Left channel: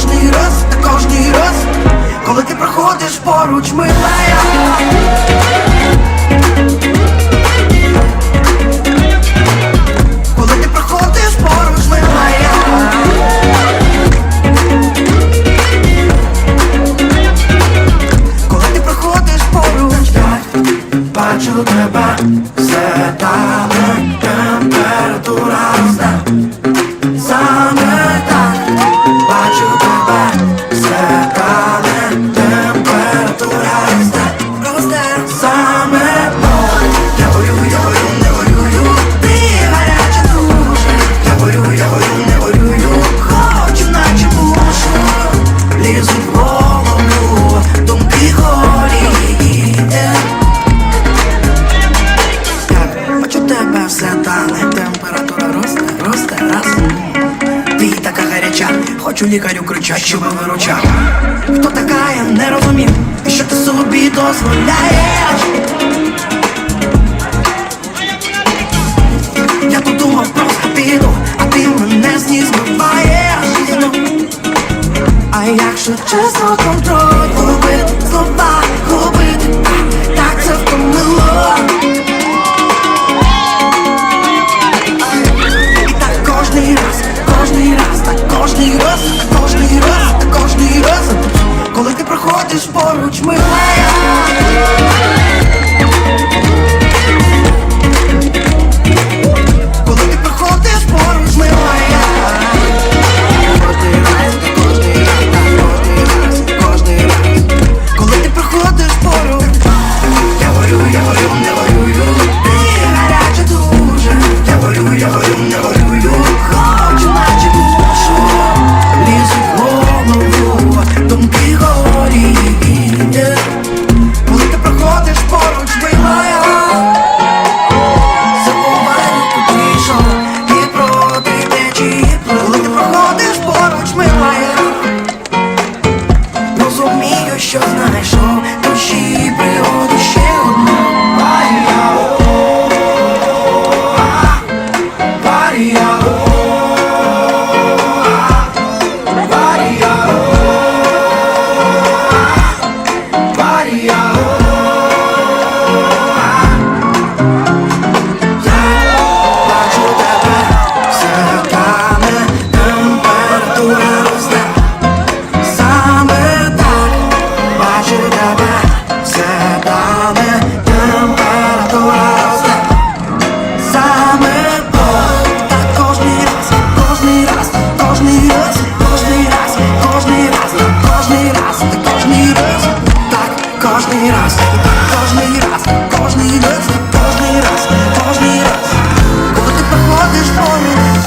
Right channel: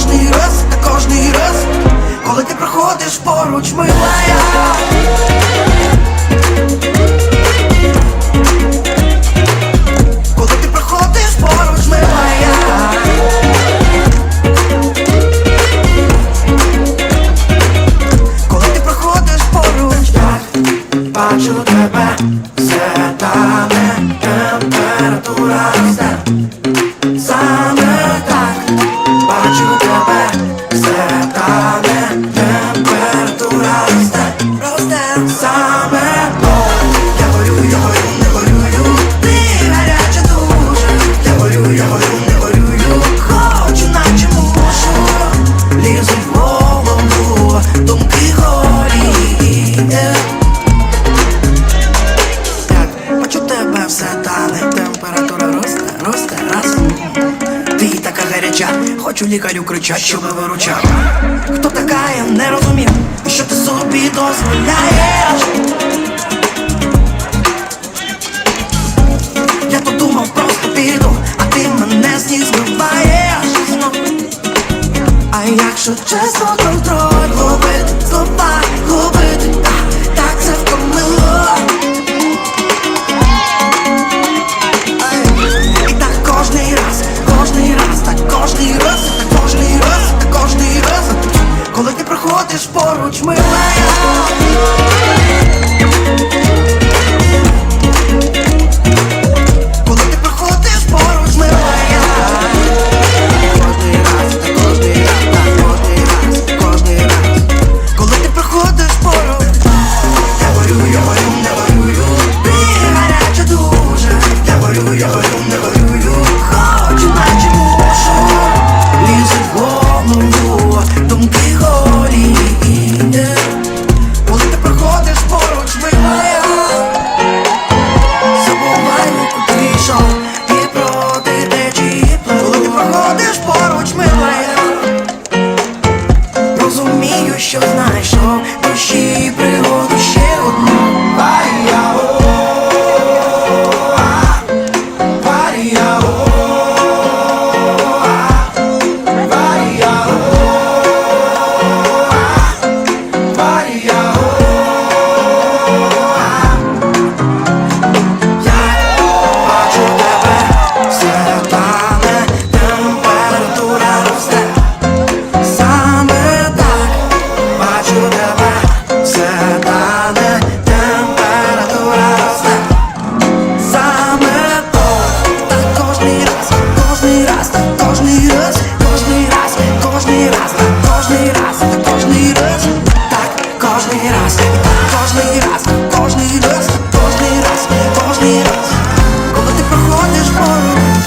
кожний раз, та кожний раз, коли ти проходиш поруч, милая Коли ти проходиш поруч, милая Коли ти проходиш поруч, бачу тебе, все тане температура. Лізуть в голову, думки горіє як бачу тебе все тане, температура росте, росте, раз. Ти така гаряча, хочу лікарю кричать, щоб виручав. Хто така, я не розумів, що ти собі дозволяєш? Я тут думав, просто піду, а ти мене з ніг збиваєш знов. А якщо чесно, контроль губити, слова губити, так, це втомило. І так кожний раз, кожний раз, так кожний раз, так кожний раз, так кожний раз. Коли ти проходиш поруч, милая. Кожний раз, так кожний раз, так кожний раз, так кожний раз, і так кожний раз, кожний раз, кожний раз, кожний раз, коли ти проходиш поруч.